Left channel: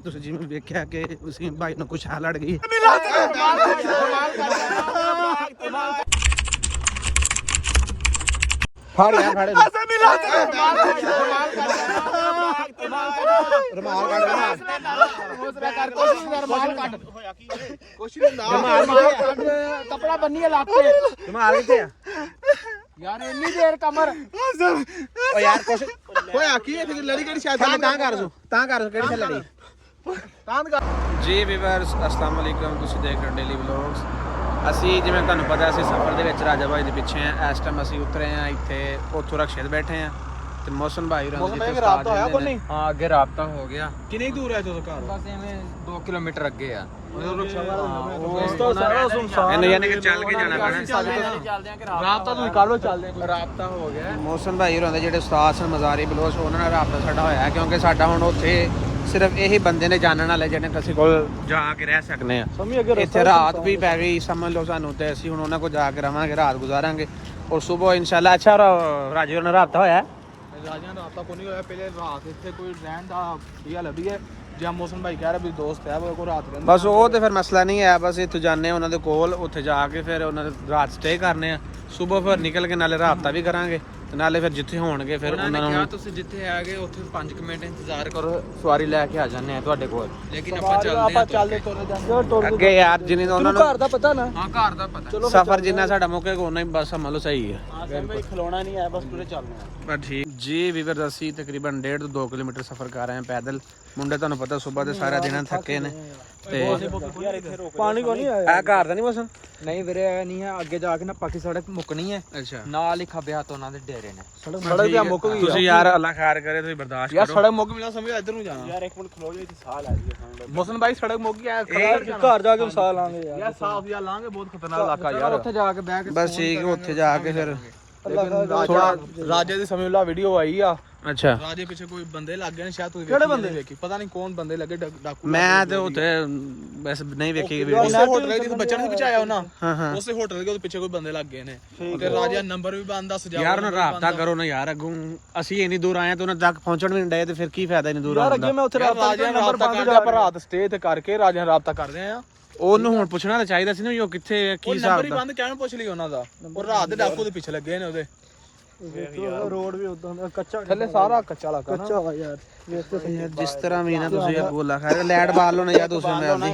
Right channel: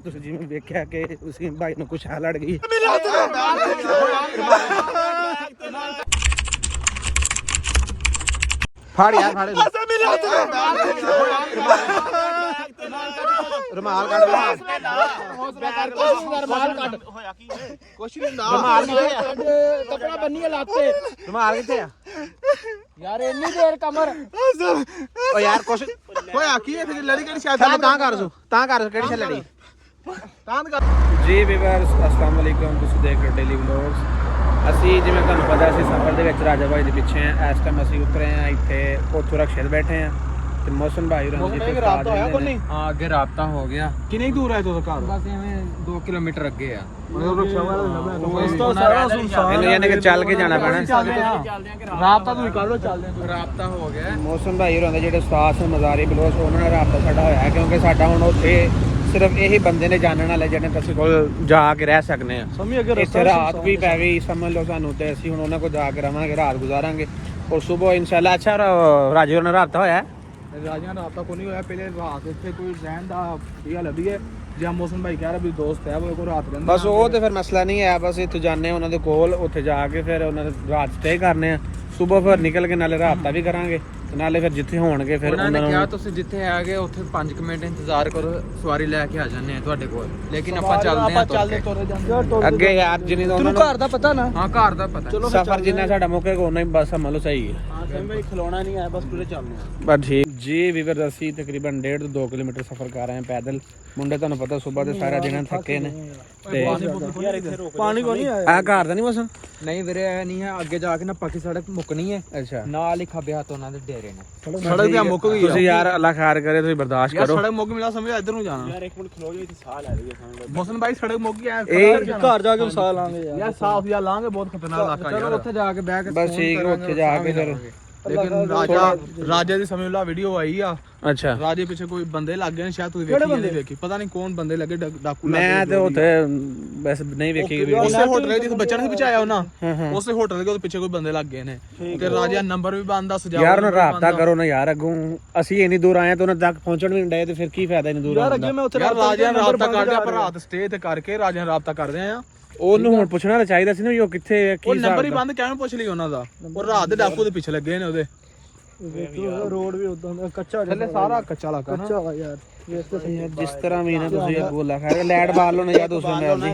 ਤੁਸੀਂ ਜਿਵੇਂ ਵੇਖਿਆ ਕਿ ਉਸੀ ਭਾਈ ਨੂੰ ਕੁਛ ਲੜ ਗਈ। ਫੜ ਯਾਰ ਫੜ ਰੁਮਾਲ ਕੱਢ ਰੁਮਾਲ ਕੱਢ ਕਪੜਾ ਬੰਨੀ ਲੱਤ ਤੇ ਰੁਮਾਲ ਕਿੱਥੇ ਆ ਯਾਰ ਇੰਨੀ ਦੇਰ ਕਮਰ ਓ ਯਾਰ ਕੁਛ ਹੋਇਆ ਕੀ ਲੜੀ ਕਿਹੜੀ ਸ਼ਾਦੀ ਤਾਂ ਕਰ ਕਿਹੜੀ ਸ਼ਾਦੀ ਲੜੀ ਜੀ ਵੀਵਰਸ अस्सलाम वालेकुम ਤੁਸੀਂ ਦੇਖ ਰਹੇ ਹੋ ਡੇਲੀ ਵਲੌਗਸ। ਅਸੀਂ ਜਿਵੇਂ ਤੁਹਾਨੂੰ ਪਤਾ ਅਸੀਂ ਸਫ਼ਰ ਦੇ ਵਿੱਚ ਰਾਜਾ ਭਾਈ ਦੇ ਪਿੱਛੇ ਆ। ਇਸ ਟਾਈਮ ਅਸੀਂ ਉਤਰੇ ਆ ਇੱਥੇ ਉੱਥੋਂ ਰਕਸ਼ੇ ਤੇ ਬੈਠੇ ਆ ਤੇ ਮੌਸਮ ਭਾਈ ਹੋਰਾਂ ਦੇ ਜਿੱਥੇ ਸਟਾਰਟ ਹੋਏ ਨੇ। ਹਾਂ ਅੱਗੇ ਰਾਬਤਾ ਹੋ ਗਿਆ। ਕਿੰਨੀ ਦੂਰ ਹੈ ਤੁਹਾਡਾ ਘਰ? ਬਸ ਐਵੇਂ 2 ਕਿਲੋਮੀਟਰ ਅੱਗੇ ਆ। ਉਸ ਤੋਂ ਸਾਰਾ ਸੁਨਸਾਨ ਯਾਨੀ ਕਿ ਚੱਲ ਕੇ ਜਾਣਾ ਪੈਣਾ। ਰਾਬਤਾ ਤੁਸੀਂ ਕਰ ਲਓ ਚੱਲਦੇ ਆ। ਰਾਬਤਾ ਹੋ ਗਿਆ। ਮੌਸਮ ਭਾਈ ਹੋਰਾਂ ਦੇ ਜਿਹੜੇ ਉਸਤਾਦ ਸਨ ਮਜ਼ਾਰੀ ਬਲੋਚ ਉਹਨਾਂ ਨਾਲ ਰਾਬਤਾ ਸਾਡਾ ਹੋਇਆ ਕਿਉਂਕਿ ਸਾਡਾ ਹੁਣ ਉੱਥੇ ਸਿਰਫ ਇਹੀ ਬੰਦੇ ਨੇ ਜਾਣਨ ਵਾਲੇ ਜਿਹੜੇ ਅਸੀਂ ਕੋਲ ਜਾ ਕੇ ਰਹਿ ਸਕਦੇ ਆ। ਇੱਥੇ ਰਾਤ ਵੀ ਪੈ ਗਈ ਸਮਝ ਲਓ ਸਾਨੂੰ ਤੇ ਅਸੀਂ ਹੁਣ ਉਹਨਾਂ ਕੋਲ ਜਾ ਕੇ ਰਵਾਂਗੇ, ਰਾਤ ਗੁਜ਼ਾਰਾਂਗੇ ਔਰ ਸਵੇਰ ਇਨਸ਼ਾਅੱਲਾ। ਅੱਛਾ ਰਾਜੇ ਹੋਰਾਂ ਨਾਲ ਰਾਬਤਾ ਹੋਇਆ? ਰਾਜਾ ਰਾਬਤਾ ਕੋਈ ਨਹੀਂ ਹੋਇਆ। ਪਹਿਲੇ ਰਾਤ ਇੱਥੇ ਕੋਈ ਰਹਿਣ ਦਾ ਵਧੀਆ ਲੱਭੀ ਹੈ ਜਾਂ ਮੌਸਮ ਭਾਈ ਕਹਿ ਰਿਹਾ ਵੀ ਦੋਸਤ ਹੈ ਉਹ ਕੋਲ ਰਾਤ ਰਹਿੰਦੇ। ਬਸ ਉਹ ਤੇ ਫਿਰ ਮਸਲਾ ਨਹੀਂ ਹੈ। ਬਸ ਇੱਥੇ ਜਾਂਦੇ ਉਹਨਾਂ ਦੇ ਕੋਲ, ਉੱਥੇ ਜਾ ਕੇ ਫਿਰ ਉਹਨਾਂ ਦੇ ਰਾਤ ਸਟੇ ਕਰਨੇ ਆ। ਸਵੇਰ ਫਿਰ ਨਿਕਲ ਕੇ ਨਾਲੇ ਰਾਬਤਾ ਵੀ ਕਰਾਂਗੇ ਨਾਲੇ ਫਿਰ ਜਿੱਥੇ ਹੋਣਗੇ ਫਿਰ ਉਹਨਾਂ ਨੂੰ ਤੁਸੀਂ ਜਿੱਥੇ ਆਗੇ ਉੱਥੇ 5 ਮਿੰਟ ਇੰਤਜ਼ਾਰ ਕਰੋ, ਸਵਾਰੀ ਲੈ ਕੇ ਆ ਜਾਂਦੇ ਆ ਤੁਹਾਡੇ ਕੋਲ। ਲੇਕਿਨ ਆਪਾਂ ਚੱਲਦੇ ਆ ਤੁਰ ਕੇ ਅੱਗੇ ਯਾਰ ਜਿੰਨੀ ਤਾਂ ਉਹਨਾਂ ਨੂੰ ਘਰ ਦਾ ਪਤਾ ਨਾ। ਹਾਂ ਘਰ ਦਾ ਪਤਾ। ਸਫ਼ਰ ਜਿੰਨਾ ਸਾਡਾ ਮੁੱਕੇਗਾ ਉਹਨਾਂ ਹੀ ਬਸ ਸਮਝ ਲਓ ਸਹੀ ਹੈ। ਹਾਂ ਭਾਈ ਖਲੋਣਾ ਨਹੀਂ ਹੈ ਬਸ ਪੂਰੇ ਚੱਲਣਾ। ਬਸ ਠੀਕ ਜੀ ਵੀਵਰ ਅਸੀਂ ਤਕਰੀਬਨ 1.5 ਤੋਂ 2 ਕਿਲੋਮੀਟਰ ਸਫ਼ਰ ਕਰ ਰਹੇ ਹਾਂ ਪੈਦਲ। ਮੁੰਡੇ ਤੁਹਾਨੂੰ ਪਤਾ ਸਵੇਰ ਦੇ ਸਾਰਾ ਦਿਨ ਥੱਕੇ ਨੇ ਤੇ ਪਾਣੀ ਕੋਈ ਨਹੀਂ ਆ ਘਰ ਦਾ ਨਹੀਂ ਮੌਸਮ ਨਹੀਂ ਵੀਰੇ ਐ ਨਹੀਂ ਹੈ। ਅੱਗੇ ਜਾ ਕੇ ਨਾ ਪਾਕੀ ਸੜਕ ਮੁੱਕਣੀ ਹੈ। ਅੱਛਾ ਨਾਲ ਹੀ ਖੱਬੇ ਹੱਥ ਉਹਨਾਂ ਦੇ ਡੇਰੇ ਨੇ। ਤੁਸੀਂ ਯਾਰ ਅੱਲਾ ਖੈਰ ਕਰੇ ਤੁਸੀਂ ਬਰਦਾਸ਼ਤ ਕਰੋ। ਸੜਕ ਮੁੱਕ ਮੇਰਾ ਸਮਝ ਇੱਧਰ ਨੂੰ ਜਾਣਾ ਯਾਰ। ਇੱਕ ਮਿੰਟ ਖਲੋ ਜੀ ਸਾਹ ਲੈ ਰਹੀ ਹੈ ਮੌਸਮ ਭਾਈ। ਸੜਕ ਮੁੱਕ ਗਿਆ ਘਰ ਜਾ ਕੇ ਸਾਹ ਲਾਂਗੇ ਯਾਰ। ਸਾਫ ਜਾਂ ਲਾਂਗੇ ਬਹੁਤ ਖਤਰਨਾਕ ਇਲਾਕਾ ਯਾਰ। ਉੱਥੇ ਜਾ ਕੇ ਬਹਿ ਕੇ ਬਸ ਠੀਕ ਹੈ ਉੱਥੇ ਜਾ ਕੇ ਫਿਰ ਥੋੜਾ ਰਾਜੇ ਦੇ ਸਮੇਂ ਲਾ ਵੀਡੀਓ ਆਈ ਆ। ਅੱਛਾ ਰਾਜੇ ਪਿੱਛੇ ਕੋਈ ਬੰਦੇ ਲੱਗ ਗਏ ਨੇ ਸ਼ਾਇਦ ਤੁਸੀਂ ਕਿਹੜੇ ਬੰਦੇ ਵੇਖੀ ਪਤਾ ਨਹੀਂ ਕੌਣ ਬੰਦੇ ਲੱਗੇ ਡਾਕੂ। ਮੈਂ ਤੇ ਉੱਥੇ ਬਸ ਨਹੀਂ ਵੇਖੀ ਵੀਡੀਓ। ਉਸੇ ਹੋਟਲ ਦੇ ਬੱਚਿਆਂ ਨੇ ਬਚਾਇਆ ਉਹਨਾਂ। ਉਸੇ ਹੋਟਲ ਦੇ ਪਿੱਛੇ ਕੋਈ ਬੰਦੇ ਲੱਗ ਗਏ ਨੇ ਤੇ ਰਾਜੇ ਨੰਬਰ ਵੀ ਬੰਦ ਦੱਸ ਜਾ। ਯਾਰ ਉਹਨਾਂ ਰਾਬਤਾ ਕਰੋ ਨਾ ਯਾਰ। ਅੱਗੋਂ ਅਸੀਂ ਇੰਨੀ ਦੂਰ ਆਏ ਤੇ ਉਹਨਾਂ ਤੱਕ ਪਹੁੰਚਣ ਵੀ ਨਹੀਂ ਡਏ ਤੇ ਫਿਰ ਕੀ ਫਾਇਦਾ ਇੰਨੀ ਦੂਰ ਆਉਣ ਦਾ। ਰਾਜੇ ਨੰਬਰ ਬੰਦ ਕਰ ਰਾਤ ਸਟੇ ਤੇ ਕਰਕੇ ਰਾਜੇ ਨਾਲ ਰਾਬਤਾ ਕਰਦੇ ਆ। ਉਹਨੂੰ ਹੁਣ ਪੁੱਛਣਾ ਤਾਂ ਚਾਹੀਦਾ ਸੀ ਨਾ ਉਹ ਕਿੱਥੇ ਕੀ ਹਿਸਾਬ ਨੰਬਰ ਹੀ ਬੰਦ ਕਿਵੇਂ ਪੁੱਛ ਲਈ ਉਹਨਾਂ ਦਾ। ਉਹ ਰਾਤ ਦੇ ਡਾਕੂ ਦੇ ਪਿੱਛੇ ਲੱਗੇ ਨੇ ਉਹਦੇ। ਰੋਡ ਵੀ ਉਦਾਂ ਦਾ ਕੱਚਾ ਥੱਲੇ ਸਾਰਾ ਕੱਚਾ ਲੱਗਾ ਕੱਚਾ ਯਾਰ। ਜਿਸ ਤਰ੍ਹਾਂ ਵੀ ਨਾ ਤੁਸੀਂ ਅੱਗੋਂ ਖੈਰ ਲਾਈਟ ਬਾਲ ਲਓ ਨਾ ਯਾਰ ਦੂਸਰੇ ਮੈਲ ਦੀ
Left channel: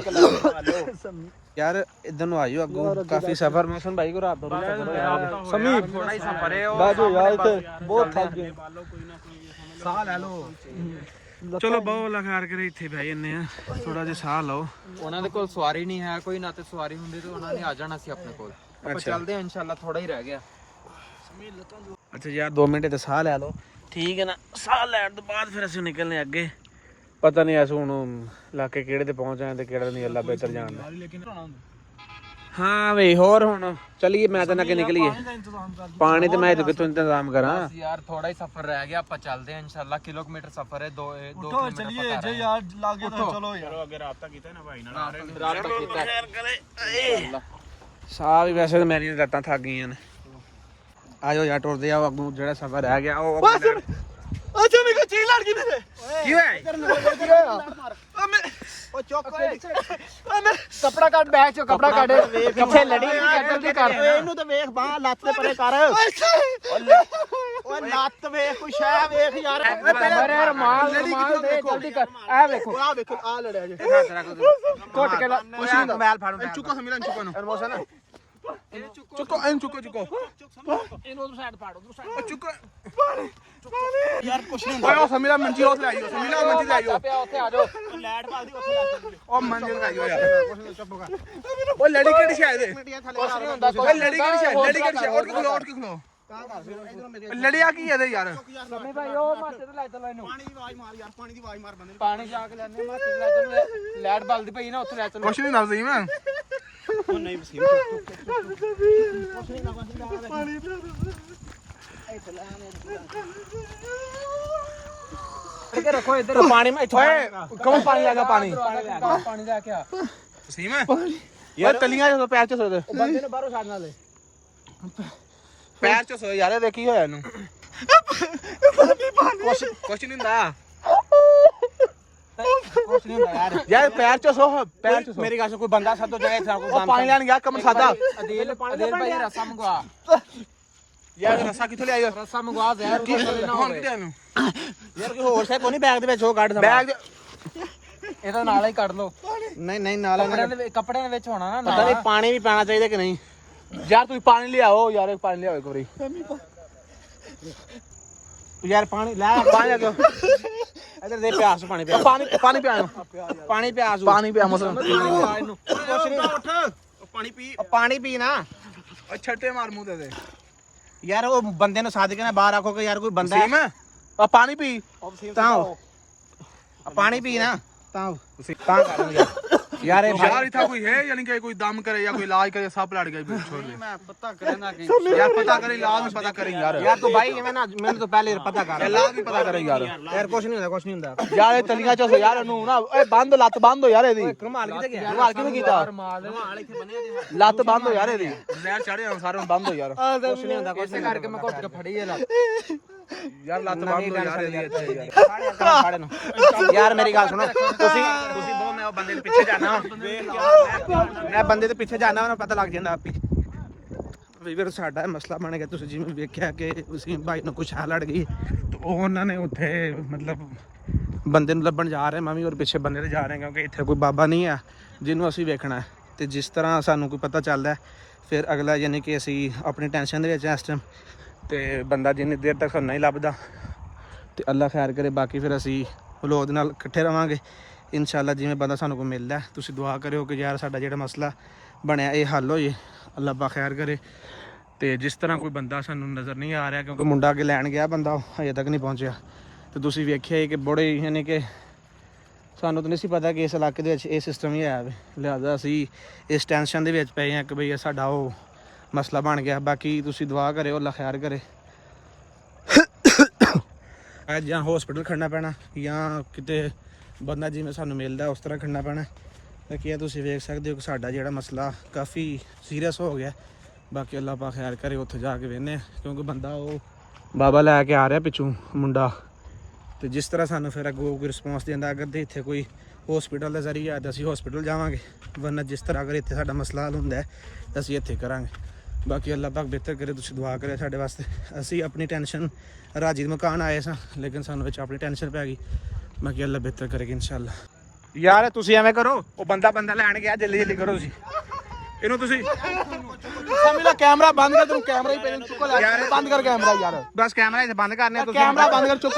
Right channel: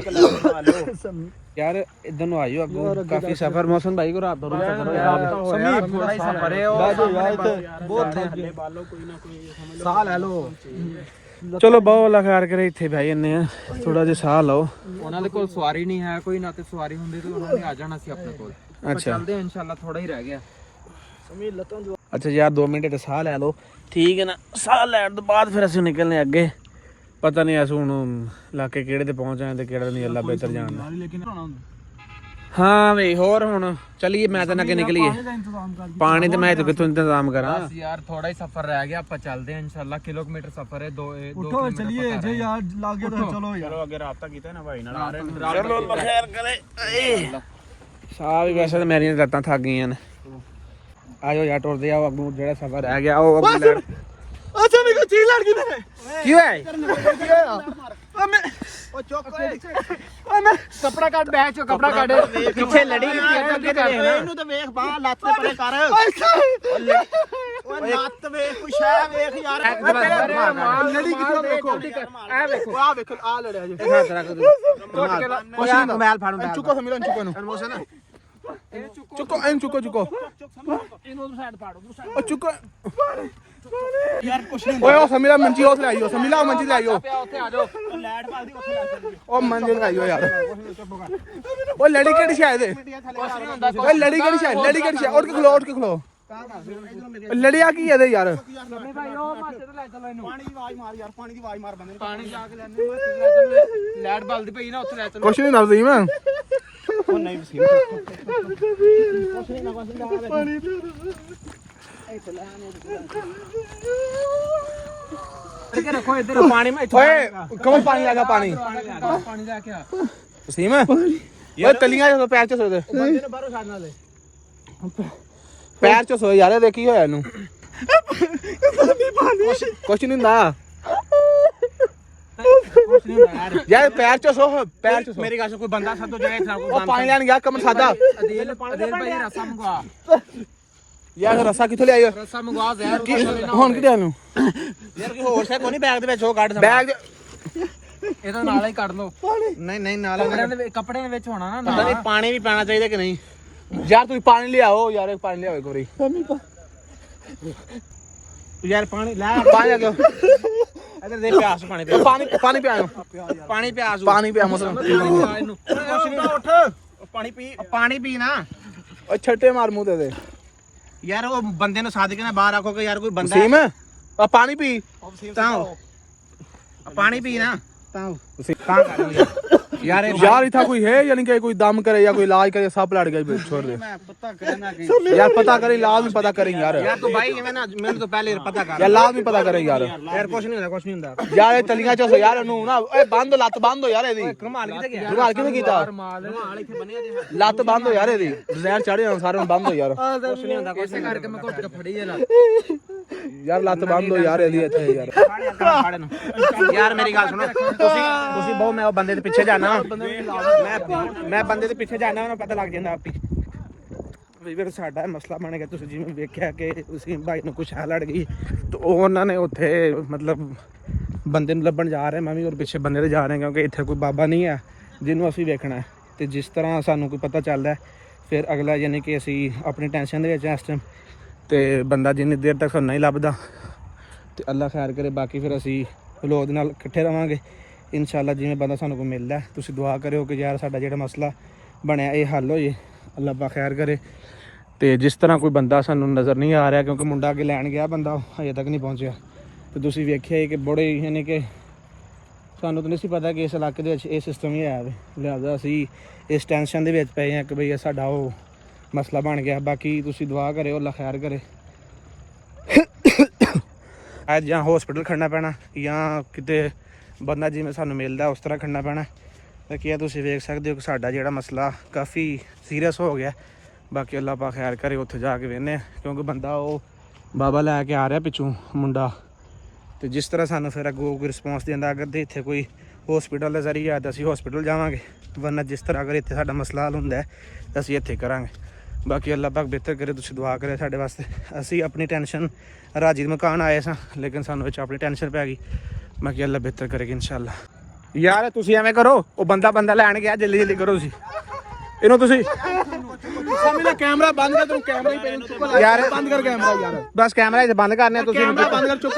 ਯਾਰ। ਇਧਰ ਨੂੰ ਆਇਓ ਅੱਗੋਂ ਕਾਫੀ ਸਫ਼ਰ ਮੌਸਮ ਭਾਈ ਕੋ ਰਾਬਤਾ ਹੋਇਆ ਥੋੜਾ ਹੀ ਸਫ਼ਰ ਹੈ ਉਹ ਬਹੁਤ ਥੱਕੇ ਬਾਲੋ ਕੋਈ ਨਾ ਕੋਈ ਸਾਹ ਲੈ ਲਓ। ਚਲੋ ਬਹੁਤ ਅੱਲਾ ਖੈਰ ਕਰੇ ਇੱਥੇ ਬਹਿ ਜੰਨੇ ਆ ਥੋੜਾ ਜਿਹਾ ਸਾਹ ਲਓ। ਉਹਨਾਂ ਦੇ ਕੋਲ ਸਵਾਰੀ ਨਹੀਂ ਹੈ ਕੋਈ ਨਾ ਤੇ ਸਵਾਰੀ ਹੁੰਦੀ ਤੇ ਉਹਨਾਂ ਨੇ ਆ ਜਾਣਾ ਸੀ ਆਪਣੇ ਕੋਲ। ਅੱਛਾ ਚੱਲਦੇ ਆ ਇਨਸ਼ਾਅੱਲਾ ਥੋੜਾ ਹੀ ਰਹਿ ਗਿਆ। ਅੱਛਾ ਯਾਰ 2 ਮਿੰਟ ਤੇ ਸਾਹ ਲੈ ਲਓ ਠੀਕ ਹੈ ਨਾ। ਸਾਹ ਲੈਣ ਤੋਂ ਬਾਅਦ ਫਿਰ ਅਸੀਂ ਨਿਕਲਨੇ ਅੱਗੇ। ਪਤਾ ਨਹੀਂ ਅਸੀਂ ਹੁਣ ਇਲਾਕੇ ਕਿਹੜੇ ਤੇ ਪਹੁੰਚ ਆਏ ਤੇ ਕਿਹੜਾ ਨਹੀਂ ਅੱਲਾ ਬਿਹਤਰ ਜਾਣਦਾ। ਹਾਂ ਵੀ ਹੋਰ ਹੁਣ ਚਲੀਏ। ਮੈਂ ਤਾਂ ਨਾ ਕਿ ਨਿਕਲੀਏ ਪਾਣੀ ਤੇ ਮੈਂ ਤਾਂ ਕਿੱਥੋਂ ਇੰਤਜ਼ਾਮ ਕਰਾਂ ਯਾਰ। ਥੋੜਾ ਹੀ ਸਫ਼ਰ ਰਹਿ ਗਿਆ ਆਪਾਂ ਚੱਲਦੇ ਆ ਇਨਸ਼ਾਅੱਲਾ। ਕਿਲੋਮੀਟਰ ਸਫ਼ਰ ਹੈ 2 ਉਠੋ ਚਲਿਏ ਜੇ ਯਾਰ ਲੱਗੇ ਤਾਂ ਚਲੋ ਯਾਰ। ਅੱਗੇ ਰਾਬਤਾ ਕੀਤਾ ਨਾ ਭਾਈ ਨਾਲ ਸਾਹ ਵੀ ਵੈਸੇ ਤਾਂ ਮੇਰੀਆਂ ਲੱਤਾਂ ਥੱਕ ਗਈਆਂ ਨੇ। ਆਜੋ ਯਾਰ ਟੁਰਦੇ ਆ ਅੱਗੋਂ ਜਿਹੜਾ ਸਫ਼ਰ ਰਹਿ ਗਿਆ ਉਹ ਅੱਗੇ ਲੈਣ। ਅੱਛਾ ਮੇਰੇ ਚੀਜ਼ ਲੜ ਗਈ ਮੇਰੇ। ਕੀ ਹੋਇਆ ਕਪੜਾ ਕੱਢ ਬੈਗ ਚੋਂ ਕਪੜਾ ਕੱਢ। ਕਿੱਥੇ ਲੜੀ ਇਹਨੂੰ ਤਾਂ ਵੇਖ ਬਾਹ ਲੱਤ ਤੇ ਪਰੇ ਕਰ। ਓ ਲੱਤ ਵੇਖ ਕੋਈ ਸ਼ੈ ਵੇਖ ਯਾਰ। ਲੜੀ ਕਿੱਥੋਂ ਵੇਖੋ ਆ ਵੇਖੋ ਆ ਵੇਖੋ ਆ ਲੜਿਆ ਜੇ। ਇਹ ਹੱਥ ਰੱਖ ਕੁਛ ਮੋਬਾਈਲ ਫੜ ਮੋਬਾਈਲ ਚੁੱਕੋ ਸਮੀਰਨ ਚੁੱਕੋ ਨੂੰ। ਚੁੱਕੋ ਐਂ ਚੁੱਕੋ ਇਹਨੂੰ ਉਧਰ ਸਾਈਡ ਪਾੜੋ ਉਧਰ ਸਾਈਡ। ਉਹ ਚੁੱਕੋ ਯਾਰ ਕੁਛ ਨਹੀਂ ਓਏ ਉਹ ਸਮੀਰਾ ਮੰਜੀ ਉਸ ਲੈ ਆਈਓ। ਸਮੀਰਾ ਮੰਜੀ ਲੈ ਆਈਓ। ਉੱਥੇ ਆ ਜਾਓ। ਲੈਟ ਬਾਲਦੀ ਉੱਥੇ ਲੱਗ ਜਾਂਦੀ। ਉਹ ਮੰਜੀ ਲਗਾਈਓ ਯਾਰ। ਚੁੱਪ ਕਰ। ਉਹ ਲੜੀ ਕਿਹੜੀ ਸ਼ਾਇਦ ਓਏ ਲੜੀ ਕਿਹੜੀ ਸ਼ਾਇਦ ਲੜੀ ਕਿਹੜੀ ਸ਼ਾਇਦ ਉੱਠ ਕੇ ਖਲੋ ਉੱਠ ਕੇ ਖਲੋ। ਲੜਿਆ ਕੀ ਇਹਦੇ ਯਾਰ? ਪਾਣੀ ਦੀ ਆਵਾਜ਼ ਮਾਰ ਯਾਰ। ਪਾਣੀ ਦੀ ਆਵਾਜ਼ ਮਾਰ ਬੰਦੇ। ਪਾਣੀ ਜਾ ਕੇ ਲੈਣੇ ਲੈਟ ਬਲਦੀ ਪਈ ਨਾ ਉੱਥੇ ਲੈ ਚਲੋ। ਕੁਛ ਨਹੀਂ ਦੱਸਦੀ ਮੈਂ। ਉਹ ਨਹੀਂ ਵਸੀਮ ਕੁਛ ਨਹੀਂ ਨਾ ਪਾਣੀ ਇੱਧਰ ਰੱਖੋ ਇੱਧਰ ਪਾਣੀ ਮੈਂ ਓਏ ਕੌਣ ਪਾਣੀ ਲੱਗਾ ਪਾਣੀ ਪਾਣੀ ਲੈ ਕੇ ਆ। ਵਸੀਮ ਓਏ ਕਲੀਆਂ ਜਦੋਂ ਪੈਰ ਚ ਸੋਦੇ ਬੰਦੇ ਨੇ ਬਾਹਰੋਂ ਛੱਡਣਾ ਲੈ। ਪੈਰ ਚ ਸੋ ਯਾਰ ਦੇਖੀ ਹੋਇਆ ਇਹਨੂੰ। ਕੁਛ ਨਹੀਂ ਹੁੰਦਾ ਕੁਛ ਨਹੀਂ ਹੁੰਦਾ ਯਾਰ ਯਾਰ ਪੈਰ ਚ ਸੋ ਪੈਰ ਚ ਸੋ ਮੇਰੀ ਗੱਲ ਸੁਣ ਕੋਈ ਬੰਦਾ ਸੱਦੋ ਜਾਏ ਇੱਥੇ ਕੋਈ ਉਹ ਪਾਣੀ ਲੈਣ ਗਿਆ ਕਮਰ ਸਾਦਾ ਅਦੇਲ ਭਾਈ ਰਸਾ ਮੰਗਵਾ ਯਾਰ ਰਸਾ ਕਿੱਥੋਂ ਲਿਆਈ ਰਸਾ ਮੰਗਵਾ ਜ਼ਹਿਰ ਹੁਣ ਕਿੱਥੇ ਆਨੂੰ ਯਾਰ ਕੋਈ ਹੋਰ ਸੇ ਕੋਈ ਨਹੀਂ ਬੈਗ ਦੇ ਵਿੱਚ ਉਹ ਕੱਢ ਬੈਗ ਇਹਦਾ ਨਾਲ ਹੀ ਕੱਢ ਲਓ ਨਹੀਂ ਨਾਲ ਕੱਪੜਿਆਂ ਦੇ ਵਿੱਚ ਹੋਣਾ ਨਾ ਪਾਣੀ ਵੀ ਪੈਣਾ ਚਾਹੀਦਾ ਕਿ ਨਹੀਂ ਯਾਰ ਤੁਸੀਂ ਪਾਣੀ ਲਿਆਓ ਯਾਰ ਪਾਣੀ ਲਿਆਓ ਇੱਕ ਵਾਰੀ ਯਾਰ ਪਾਣੀ ਲੈ ਪਾਣੀ ਲਿਆਓ ਇਧਰ ਦੇ ਪਿਆਸ ਪਾਣੀ ਦੇ ਪਾਣੀ ਪਿਆਓ ਪਾਣੀ ਪਿਆ ਮਸਲ ਉੱਠ ਪਾਣੀ ਪੀ ਨਾ ਉਹ ਛੱਟੇ ਮਾਰ ਮੂੰਹ ਤੇ ਯਾਰ ਉਹ ਬੰਦੇ ਨੂੰ ਸਾਧ ਕੇ ਨਾ ਬਾਹਰ ਆਖੋ ਕਿ ਯਾਰ ਕੋਈ ਬੰਦਾ ਸੀਮ ਆ ਪਾਣੀ ਪੀ ਤਾਂ ਪਾਣੀ ਪੀ ਨਾ ਤਾਂ ਯਾਰ इतना कोई है यानी कि कोई दम करे या कोई इलाज करे सब लड़ गए छोड़ दे मैं पता करना कि यार पता करे इलाज भी पता करें यार तो भाई मैं ना मैंने तो पहले पता कर यार इलाज भी पता करें यार यार कुछ नहीं ਹੁੰਦਾ यार तलियां च यार नु ना ए बंद लत बंद हो यार एदी रुमाल किते गया रुमाल किने कीता रुमाल ਇੱਥੇ ਬੰਨਿਆ ਜੀ लत बंद हो यार एदी डिजाइन चढ़े सारे बंद हो यार ਕੁਛ ਨਹੀਂ ਹੁੰਦਾ ਇਸੇ ਕਰਕੇ ਮੈਂ ਘੁੱਟ ਕੇ ਫੜੀ ਜਾਂਦਾ यार लत बंद हो यार एदी ਇੱਥੇ यार ਯਾਰ ਮੇਰੀ ਗੱਲ ਸੁਣੋ ਤੁਸੀਂ ਬਹੁਤ ਮੈਂ ਉਹ ਬੰਦੇ ਦੇ ਪਿੱਛੇ ਜਾਣਾ ਮੈਂ ਬੰਦੇ ਦੇ ਪਿੱਛੇ ਜਾਣਾ ਉਹਨੂੰ ਪਤਾ ਲੱਗ ਜਾਂਦਾ ਆਪੀ ਵੀਰ ਸਾਡਾ ਮਸਲਾ ਬਣ ਗਿਆ ਤੁਸੀਂ ਜਿਵੇਂ ਵੇਖਿਆ ਕਿ ਉਸੇ ਭਾਈ ਨੂੰ ਕੁਛ ਲੜ ਗਈ ਤੇ ਉਹਨਾਂ ਨੇ ਉੱਥੇ ਮਤਲਬ ਬੰਦੇ ਨੂੰ ਲੱਭਣ ਜਾ ਰਹੇ ਮੈਂ ਵੀ ਔਰ ਪਿੱਛੇ ਬੰਦੇ ਦੇ ਜਾ ਰਹੇ ਕਿਉਂਕਿ ਇੱਥੇ ਕੋਈ ਬਾਬਾ ਨਹੀਂ ਆ ਜਿਹਨੂੰ ਅਸੀਂ ਵੇਖਣਾ ਤੇ ਜਿਸ ਤਰ੍ਹਾਂ ਸਾਨੂੰ ਕੋਈ ਪਤਾ ਚੱਲਦਾ ਫਿਰ ਅਗਲਾ ਯਾਨੀ ਕਿ ਅਸੀਂ ਆਪਣੀ ਟੈਨਸ਼ਨ ਦੇ ਵਿੱਚ ਇਸ ਟਾਈਮ ਤੇ ਬੰਦਾ ਜਿੰਨੀ ਦੇਰ ਤੱਕ ਸਾਨੂੰ ਨਹੀਂ ਲੱਭਦਾ ਤੇ ਅੱਲਾ ਖੈਰ ਕਰੇ ਬਾਕੀ ਫਿਰ ਅਸੀਂ ਫਲੋਦ ਨਾਲ ਇਕੱਠੇ ਰਵਾਂਗੇ ਇਨਸ਼ਾਅੱਲਾ ਜਿਵੇਂ ਬੰਦਾ ਸਾਨੂੰ ਕੋਈ ਮਿਲਦਾ ਤੁਸੀਂ ਦੁਆ ਕਰਿਓ ਕਿ ਯਾਰ ਸਾਡਾ ਜਿਹੜਾ ਮਸਲਾ ਬਣਿਆ ਇਹ ਹੱਲ ਹੋ ਜੇ ਅੱਲਾ ਪਾ ਖੈਰ ਕਰੇ ਤੇ ਜਿਸ ਤਰ੍ਹਾਂ ਕੋਈ ਬੰਦਾ ਸਾਨੂੰ ਨਜ਼ਰ ਨਹੀਂ ਆ ਰਿਹਾ ਕਿਉਂਕਿ ਮੁੰਡਾ ਅੱਗੇ ਲੈਣ ਗਿਆ ਬੰਦਾ ਹਜੇ ਤੱਕ ਨਹੀਂ ਪਹੁੰਚਿਆ ਤੇ ਤੁਸੀਂ ਵੇਖਿਆ ਕਿ ਬੜੇ ਯਾਨੀ ਕਿ ਸਾਨੂੰ ਤਾਂ ਨਹੀਂ ਸੀ ਪਤਾ ਕਿ ਇਸ ਇਲਾਕੇ ਦੇ ਵਿੱਚ ਇਹ ਸਿਸਟਮ ਹੀ ਹੈ ਲਿਹਾਜ਼ਾ ਅਸੀਂ ਇਸ ਟੈਨਸ਼ਨ ਦੇ ਵਿੱਚ ਪਏ ਹਾਂ ਕਿ ਬਈ ਸਾਡਾ ਉਹ ਮਸਲਾ ਬਣ ਗਿਆ ਬਾਕੀ ਤੁਸੀਂ ਦੁਆ ਕਰਿਓ ਅੱਲਾ ਖੈਰ ਕਰੇ ਅੱਜ ਜਾਂ ਹਸਪੀਟਲ ਖੜਨਾ ਪੈਣਾ ਜਾਂ ਕਿਤੇ ਬੰਦਾ ਜਿਵੇਂ ਸਾਨੂੰ ਮਿਲਦਾ ਉਸ ਤਰ੍ਹਾਂ ਖੜਨਾ ਪੈਣਾ ਤਾਂ ਕੀ ਤੁਸੀਂ ਵੇਖ ਸਕਦੇ ਹੋ ਕਿ ਸਾਡਾ ਜਿਹੜਾ ਮਸਲਾ ਕਾਫੀ ਸੀਰੀਅਸ ਹੋ ਗਿਆ ਬਾਕੀ ਅੱਲਾ ਪਾ ਖੈਰ ਕਰੇ ਉੱਥੇ ਜਾ ਕੇ ਵੇਖਦੇ ਕਿਉਂਕਿ ਬੰਦਾ ਉਹ ਬਾਬਾ ਲੈ ਕੇ ਆ ਰਿਹਾ ਪਿੱਛੋਂ ਮੁੰਡਾ ਤੇ ਜਿਸ ਤਰ੍ਹਾਂ ਸਾਨੂੰ ਫਿਰ ਅੱਗੋਂ ਕੋਈ ਰਿਸਪੌਂਸ ਦਿੰਦਾ ਅਗਰ ਤੇ ਇੱਥੇ ਕੋਈ ਹਸਪੀਟਲ ਦਾ ਜ਼ਰੀਆ ਤਾਂ ਅਸੀਂ ਹਸਪੀਟਲ ਜਾਵਾਂਗੇ ਵਰਨਾ ਜਿਸ ਤਰ੍ਹਾਂ ਅਗਰ ਇੱਥੇ ਸਾਡਾ ਮਸਲਾ ਹੱਲ ਹੁੰਦਾ ਤਾਂ ਅਸੀਂ ਇੱਥੇ ਕਰਾਂਗੇ ਬਾਕੀ ਅੱਲਾ ਪਾਕ ਬਿਹਤਰ ਕਰੇ ਤੁਸੀਂ ਦੁਆ ਕਰੇ ਸਾਡੇ ਵਾਸਤੇ ਅਸੀਂ ਆਪਣੀ ਟੈਨਸ਼ਨ ਰਾਜੀ ਮਕਾਨ ਆਏ ਸਾਂ ਲੇਕਿਨ ਸਾਨੂੰ ਵਿੱਚ ਆਪਣੀ ਟੈਨਸ਼ਨ ਪੈ ਗਈ ਬਾਕੀ ਅੱਲਾ ਬਿਹਤਰ ਕਰੇਗਾ ਇਨਸ਼ਾਅੱਲਾ ਯਾਰ ਤੁਸੀਂ ਐਵੇਂ ਕਰੋ ਉਹ ਬੰਦਾ ਲੈਣ ਗਿਆ ਜਲਦੀ ਕਰੋ ਤੁਸੀਂ ਇਹਨੂੰ ਤੁਸੀਂ ਮੇਰਾ ਕੈਮਰਾ ਬੰਦ ਕਰ ਤੂੰ ਕੈਮਰਾ ਹੀ ਪਹਿਲਾਂ ਚੁੱਕ ਲੈ ਯਾਰ ਬੰਦ ਕਰ ਕੈਮਰਾ ਯਾਰ ਬਸ ਕੈਮਰਾ ਇੱਥੇ ਬੰਦ ਕਰਨੇ ਤੁਸੀਂ ਕੈਮਰਾ ਬੰਦ ਕਰ ਚੁੱਕ